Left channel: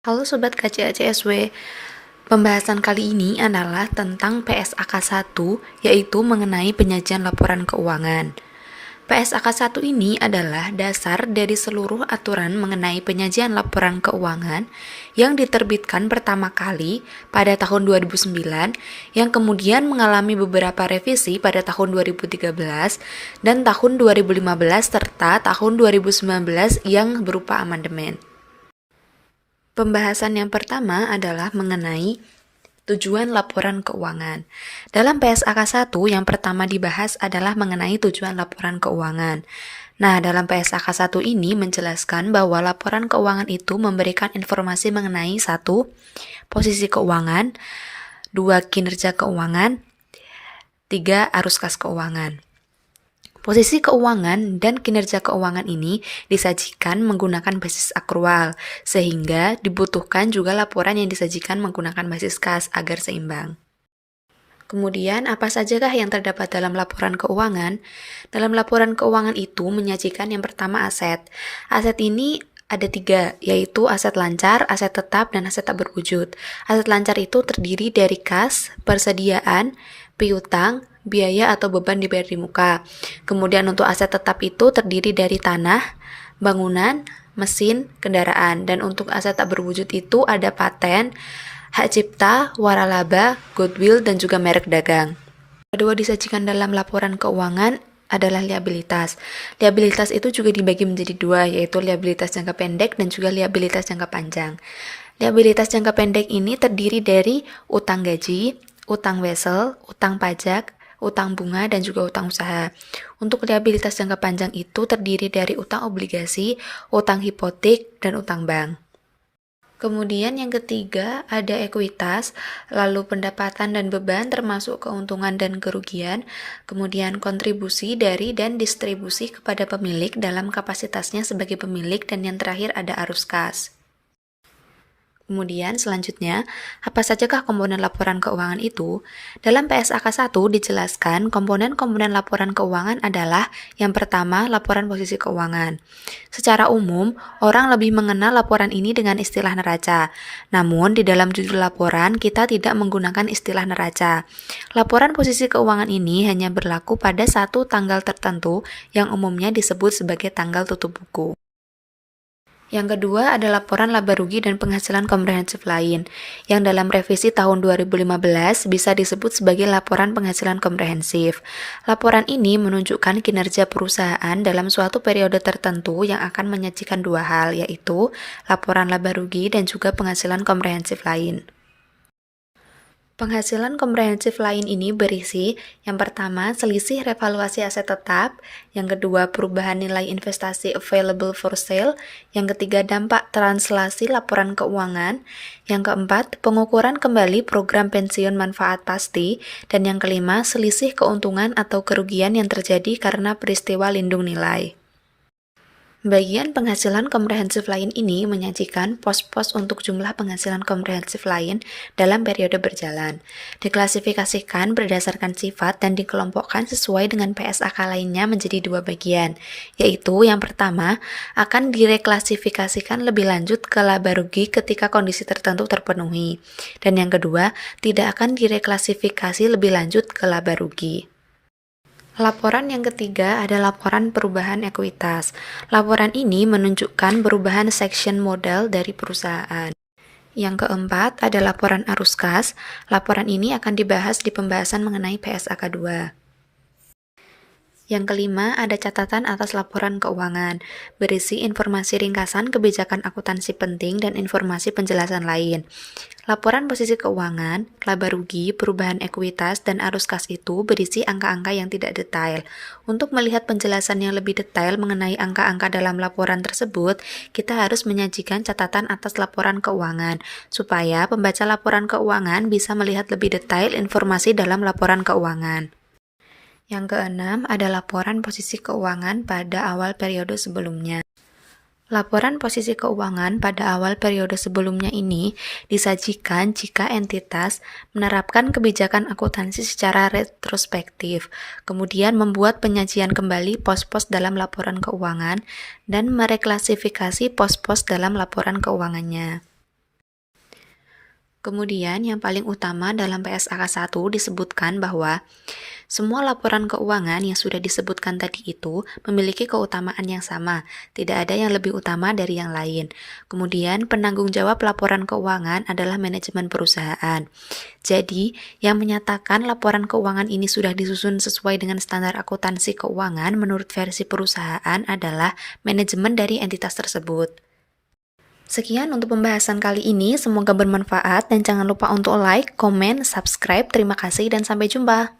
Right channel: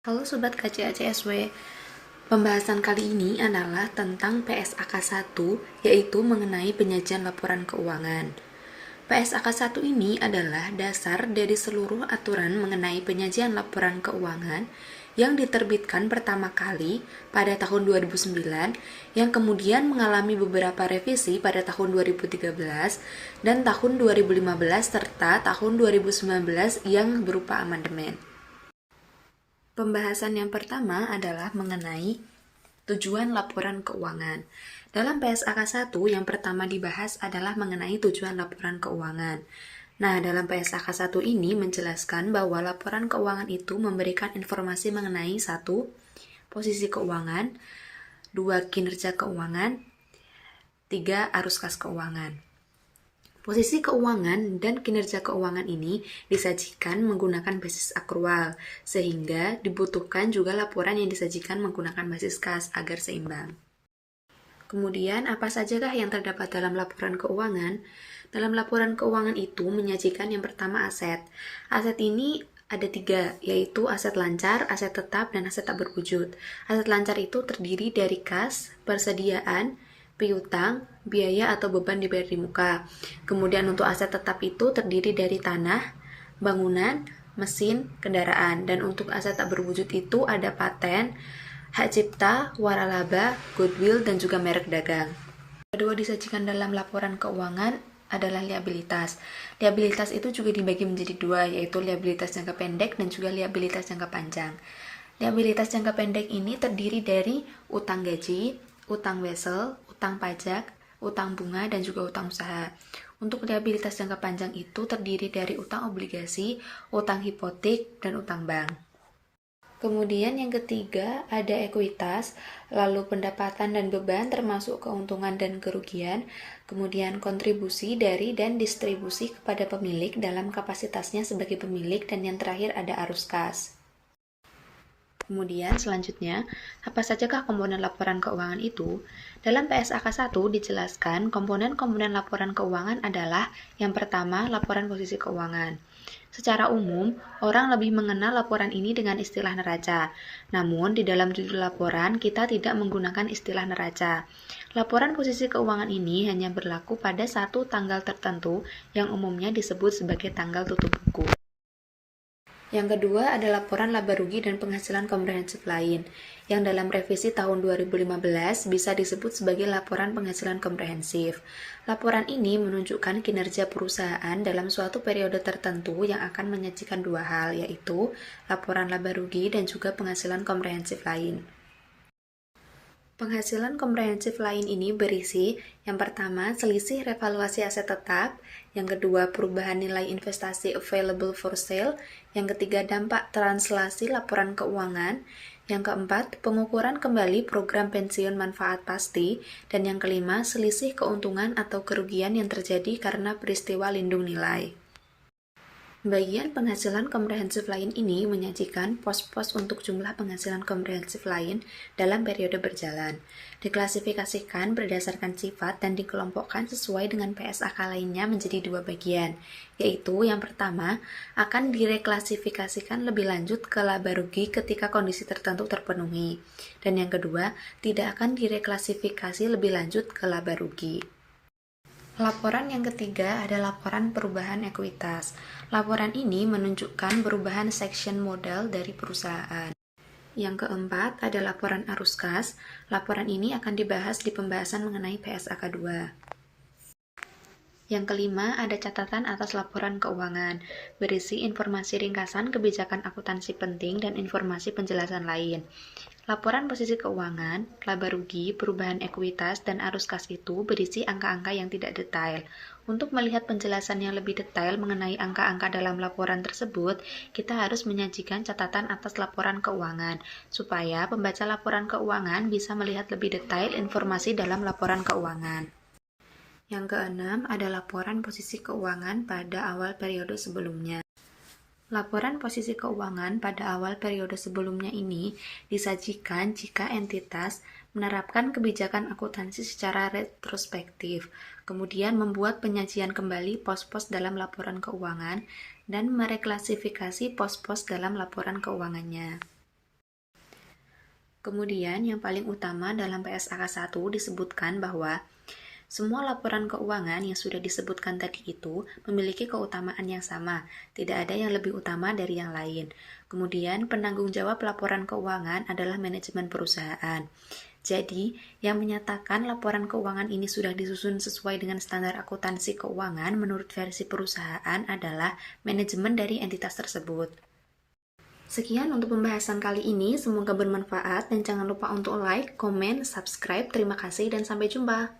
Halo Sobat KCACSW, pembahasan kali ini adalah tentang PSAK 1, yaitu mengenai penyajian laporan keuangan. PSAK 1 ini adalah dasar dari seluruh aturan mengenai penyajian laporan keuangan yang diterbitkan pertama kali pada tahun 2009, yang kemudian mengalami beberapa revisi pada tahun 2013 dan tahun 2015 serta tahun 2019 yang berupa amandemen. Pembahasan yang pertama adalah mengenai tujuan laporan keuangan. Dalam PSAK 1 yang pertama dibahas adalah mengenai tujuan laporan keuangan. Nah, dalam PSAK 1 ini menjelaskan bahwa laporan keuangan itu memberikan informasi mengenai 1. Posisi keuangan, 2. Kinerja keuangan, 3. Arus kas keuangan. Posisi keuangan dan kinerja keuangan ini disajikan menggunakan basis akrual, sehingga dibutuhkan juga laporan yang disajikan menggunakan basis kas agar seimbang. Kemudian, apa sajakah yang terdapat dalam laporan keuangan? Dalam laporan keuangan itu menyajikan yang pertama aset. Aset ini ada 3, yaitu aset lancar, aset tetap, dan aset tak berwujud. Aset lancar itu terdiri dari kas, persediaan, piutang, biaya atau beban dibayar di muka. Kemudian untuk aset tetap itu terdiri dari tanah, bangunan, mesin, kendaraan. Dan untuk aset tak berwujud itu ada paten, hak cipta, waralaba, goodwill, dan juga merek dagang. Kedua disajikan dalam laporan keuangan adalah liabilitas. Liabilitas itu juga dibagi menjadi 2, yaitu liabilitas jangka pendek dan juga liabilitas jangka panjang. Liabilitas jangka pendek ini terdiri dari utang gaji, utang wesel, utang pajak, utang bunga, dan juga utang usaha. Untuk liabilitas jangka panjang itu terdiri dari utang obligasi, utang hipotek, dan utang bank. Kemudian yang ketiga ada ekuitas, lalu pendapatan dan beban termasuk keuntungan dan kerugian, kemudian kontribusi dari dan distribusi kepada pemilik dalam kapasitasnya sebagai pemilik, dan yang terakhir ada arus kas. Kemudian selanjutnya, apa sajakah komponen laporan keuangan itu? Dalam PSAK 1 dijelaskan komponen-komponen laporan keuangan adalah yang pertama, laporan posisi keuangan. Secara umum, orang lebih mengenal laporan ini dengan istilah neraca. Namun, di dalam judul laporan, kita tidak menggunakan istilah neraca. Laporan posisi keuangan ini hanya berlaku pada satu tanggal tertentu yang umumnya disebut sebagai tanggal tutup buku. Yang kedua ada laporan laba rugi dan penghasilan komprehensif lain, yang dalam revisi tahun 2015 bisa disebut sebagai laporan penghasilan komprehensif. Laporan ini menunjukkan kinerja perusahaan dalam suatu periode tertentu yang akan menyajikan 2 hal, yaitu laporan laba rugi dan juga penghasilan komprehensif lain. Penghasilan komprehensif lain ini berisi yang pertama selisih revaluasi aset tetap, yang kedua perubahan nilai investasi available for sale, yang ketiga dampak translasi laporan keuangan, yang keempat pengukuran kembali program pensiun manfaat pasti, dan yang kelima selisih keuntungan atau kerugian yang terjadi karena peristiwa lindung nilai. Bagian penghasilan komprehensif lain ini menyajikan pos-pos untuk jumlah penghasilan komprehensif lain dalam periode berjalan. Diklasifikasikan berdasarkan sifat dan dikelompokkan sesuai dengan PSAK lainnya menjadi 2 bagian, yaitu yang pertama akan direklasifikasikan lebih lanjut ke laba rugi ketika kondisi tertentu terpenuhi, dan yang kedua tidak akan direklasifikasi lebih lanjut ke laba rugi. Laporan yang ketiga ada laporan perubahan ekuitas. Laporan ini menunjukkan perubahan section modal dari perusahaan. Yang keempat ada laporan arus kas. Laporan ini akan dibahas di pembahasan mengenai PSAK 2. Yang kelima, ada catatan atas laporan keuangan, berisi informasi ringkasan kebijakan akuntansi penting dan informasi penjelasan lain. Laporan posisi keuangan, laba rugi, perubahan ekuitas, dan arus kas itu berisi angka-angka yang tidak detail. Untuk melihat penjelasan yang lebih detail mengenai angka-angka dalam laporan tersebut, kita harus menyajikan catatan atas laporan keuangan, supaya pembaca laporan keuangan bisa melihat lebih detail informasi dalam laporan keuangan. Yang keenam ada laporan posisi keuangan pada awal periode sebelumnya. Laporan posisi keuangan pada awal periode sebelumnya ini disajikan jika entitas menerapkan kebijakan akuntansi secara retrospektif, kemudian membuat penyajian kembali pos-pos dalam laporan keuangan dan mereklasifikasi pos-pos dalam laporan keuangannya. Kemudian yang paling utama dalam PSAK 1 disebutkan bahwa semua laporan keuangan yang sudah disebutkan tadi itu memiliki keutamaan yang sama, tidak ada yang lebih utama dari yang lain. Kemudian penanggung jawab laporan keuangan adalah manajemen perusahaan. Jadi, yang menyatakan laporan keuangan ini sudah disusun sesuai dengan standar akuntansi keuangan menurut versi perusahaan adalah manajemen dari entitas tersebut. Sekian untuk pembahasan kali ini, semoga bermanfaat dan jangan lupa untuk like, komen, subscribe. Terima kasih dan sampai jumpa.